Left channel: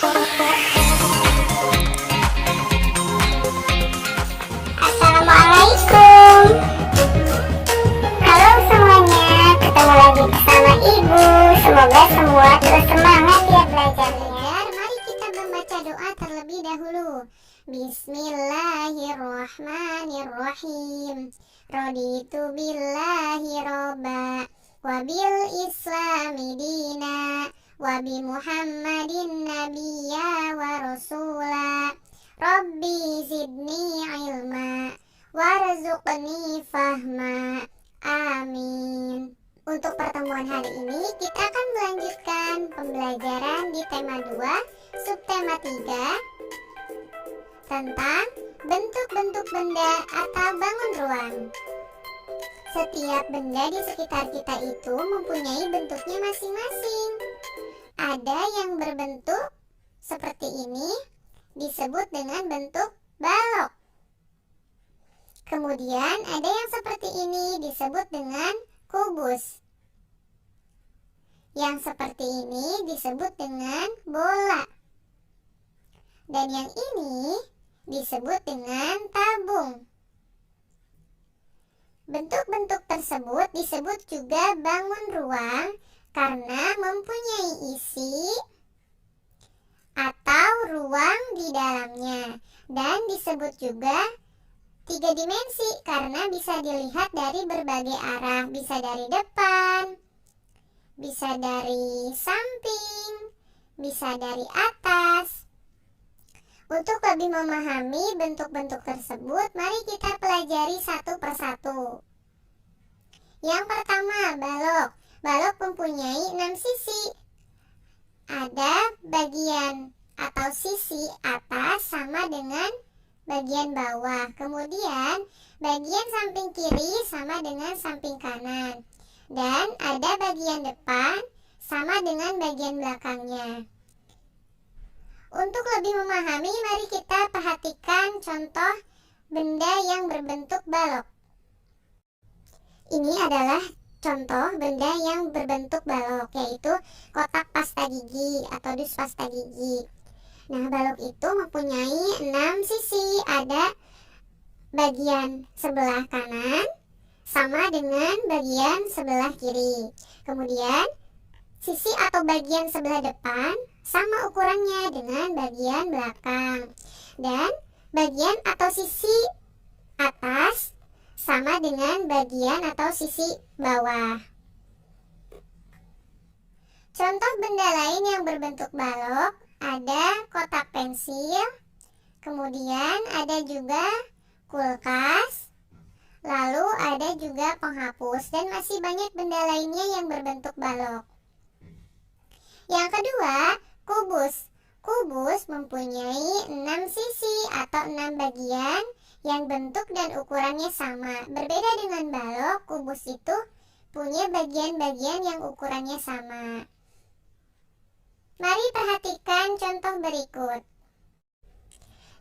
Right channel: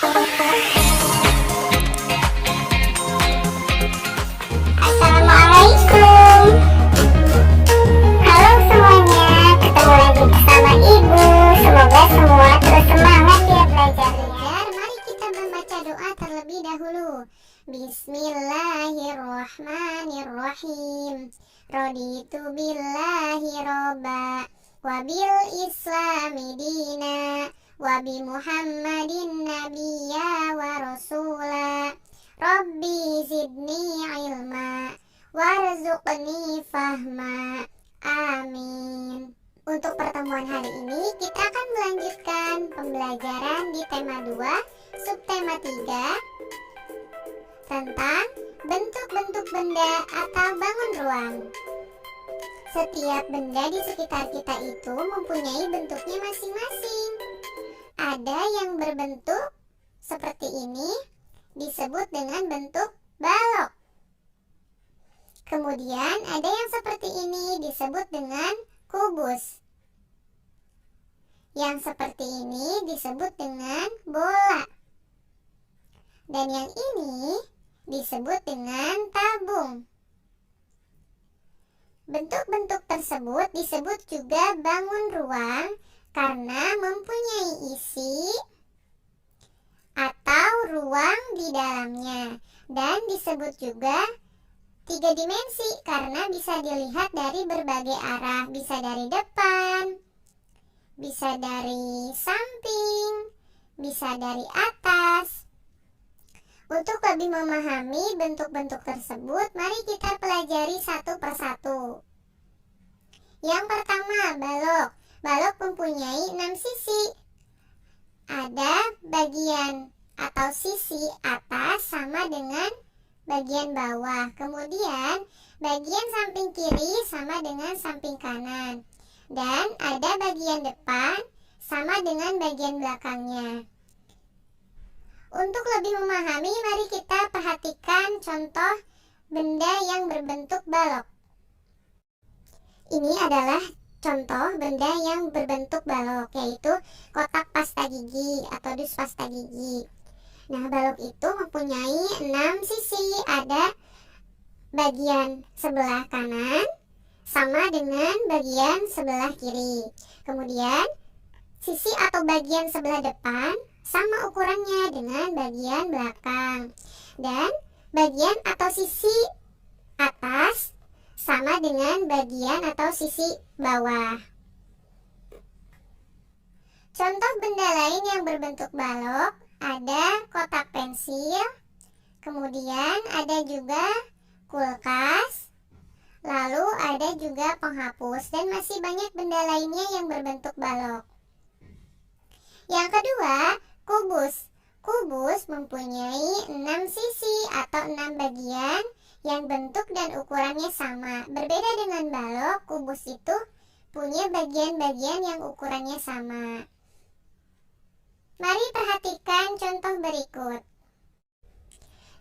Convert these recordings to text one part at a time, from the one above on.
Assalamualaikum. Halo semuanya, ketemu lagi bersama Ibu. Semoga semua terus semangat ya belajarnya. Mari kita membaca doa terlebih dahulu. Bismillahirrahmanirrahim. Raditu billahi robba, wabil islami dina, wabi muhammadin nabiyya wa rasula. Rabbi zidni ilma, warzuqni fahma. Amin. Untuk pertemuan hari ini kita akan melanjutkan pembelajaran di tema 2, subtema 3 tentang bentuk-bentuk benda atau bangun ruang. Setiap benda di sekitar kita itu mempunyai bentuknya masing-masing. Ada yang berbentuk seperti ini, disebut dengan bentuk balok. Kemudian ada yang seperti ini disebut dengan kubus. Yang seperti ini disebut dengan bola. Dan yang ini disebut dengan tabung. Bentuk-bentuk tersebut disebut juga bangun ruang karena mempunyai isi atau ruang di dalamnya, dan disebut juga 3 dimensi karena bisa dilihat dari berbagai arah, bisa dari depan, bisa dari samping, bisa dari atas. Untuk lebih memahami bentuk-bentuk tersebut, mari kita pelajari satu persatu. Yang pertama, balok. Balok mempunyai 6 sisi. Ada bagian atau sisi atas sama dengan bagian bawah. Kemudian bagian samping kiri sama dengan samping kanan. Dan ada bagian depan sama dengan bagian belakangnya. Untuk lebih memahami, mari kita perhatikan contoh benda yang berbentuk balok. Ini adalah contoh benda yang berbentuk balok, yaitu kotak pasta gigi atau dus pasta gigi. Nah, balok itu mempunyai 6 sisi. Ada bagian sebelah kanan sama dengan bagian sebelah kiri. Kemudian sisi atau bagian sebelah depan sama ukurannya dengan bagian belakang. Dan bagian atau sisi atas sama dengan bagian atau sisi bawah. Contoh benda lain yang berbentuk balok ada kotak pensil, kemudian ada juga kulkas, lalu ada juga penghapus, dan masih banyak benda lainnya yang berbentuk balok. Yang kedua, kubus. Kubus mempunyai 6 sisi atau 6 bagian yang bentuk dan ukurannya sama. Berbeda dengan balok, kubus itu punya bagian-bagian yang ukurannya sama. Mari perhatikan contoh berikut.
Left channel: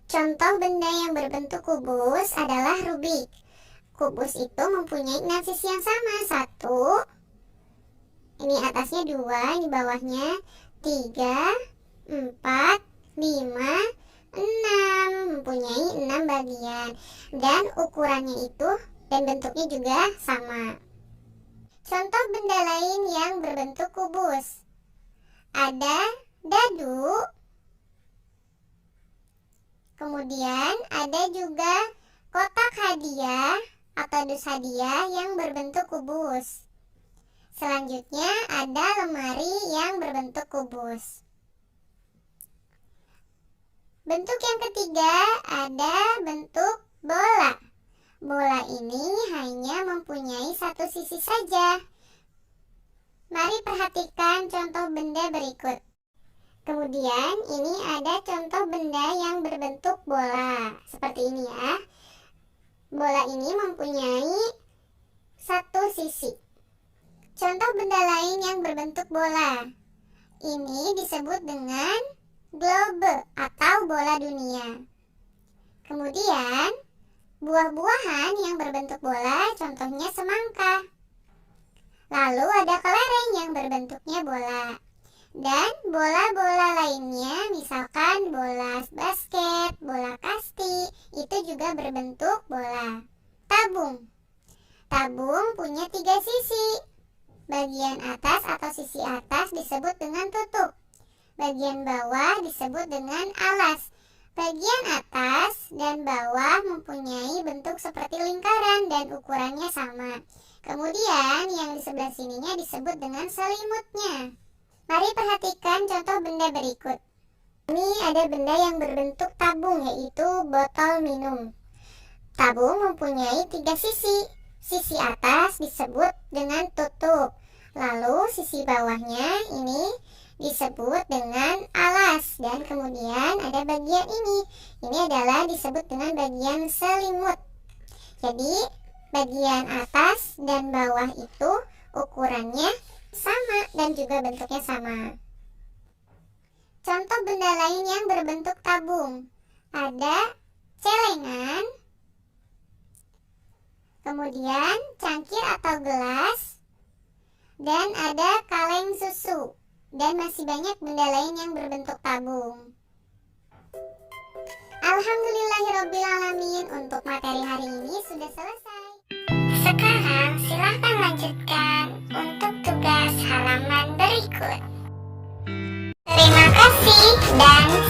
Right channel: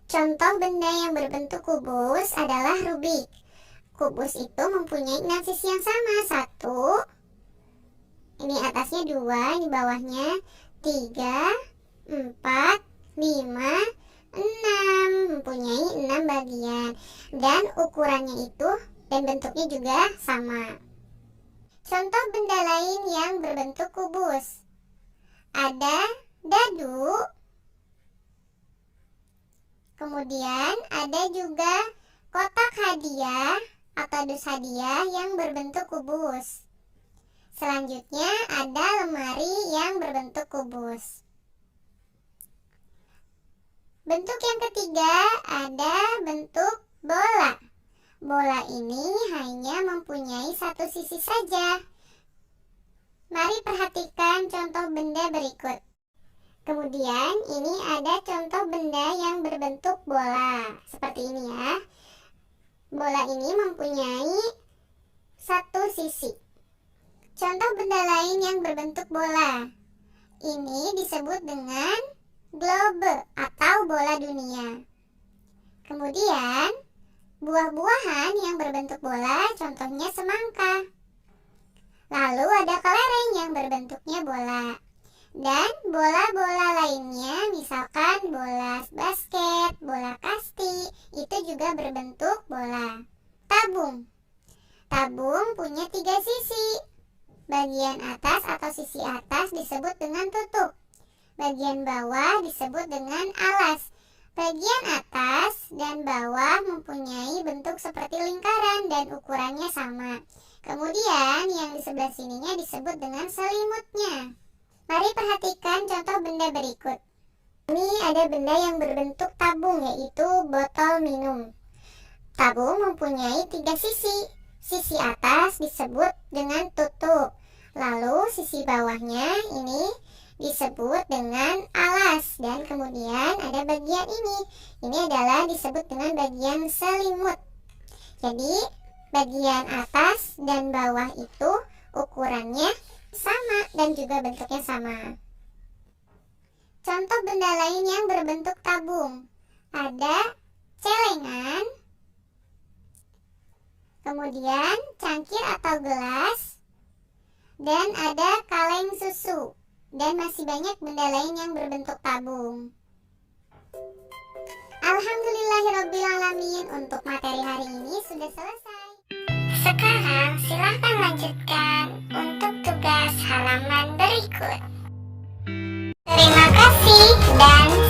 Contoh benda yang berbentuk kubus adalah rubik. Kubus itu mempunyai 6 sisi yang sama. 1, ini atasnya 2, ini bawahnya 3, 4, 5, 6. Mempunyai 6 bagian. Dan ukurannya itu dan bentuknya juga sama. Contoh benda lain yang berbentuk kubus. Ada dadu. Kemudian ada juga kotak hadiah atau dus hadiah yang berbentuk kubus. Selanjutnya ada lemari yang berbentuk kubus. Bentuk yang ketiga ada bentuk bola. Bola ini hanya mempunyai 1 sisi saja. Mari perhatikan contoh benda berikut. Kemudian ini ada contoh benda yang berbentuk bola. Seperti ini ya. Bola ini mempunyai 1 sisi. Contoh benda lain yang berbentuk bola. Ini disebut dengan globe atau bola dunia. Kemudian buah-buahan yang berbentuk bola, contohnya semangka. Lalu ada kelereng yang berbentuknya bola. Dan bola-bola lainnya, misalnya sisi atas disebut dengan tutup. Bagian bawah disebut dengan alas. Bagian atas dan bawah mempunyai bentuk seperti lingkaran dan ukurannya sama. Kemudian yang di sebelah sininya disebut dengan selimutnya. Mari perhatikan contoh benda berikut. Ini ada benda yang berbentuk tabung, yaitu botol minum. Tabung mempunyai 3 sisi. Sisi atas disebut dengan tutup. Lalu sisi bawahnya ini disebut dengan alas. Dan kemudian ada bagian ini. Ini adalah disebut dengan bagian selimut. Jadi bagian atas dan bawah itu ukurannya sama dan juga bentuknya sama. Contoh benda lain yang berbentuk tabung. Ada celengan, kemudian cangkir atau gelas, dan ada kaleng susu. Dan masih banyak benda lain yang berbentuk tabung. Alhamdulillahirobbilalamin, untuk materi hari ini sudah selesai. Sekarang silahkan lanjutkan untuk tugas halaman berikut. Terima kasih dan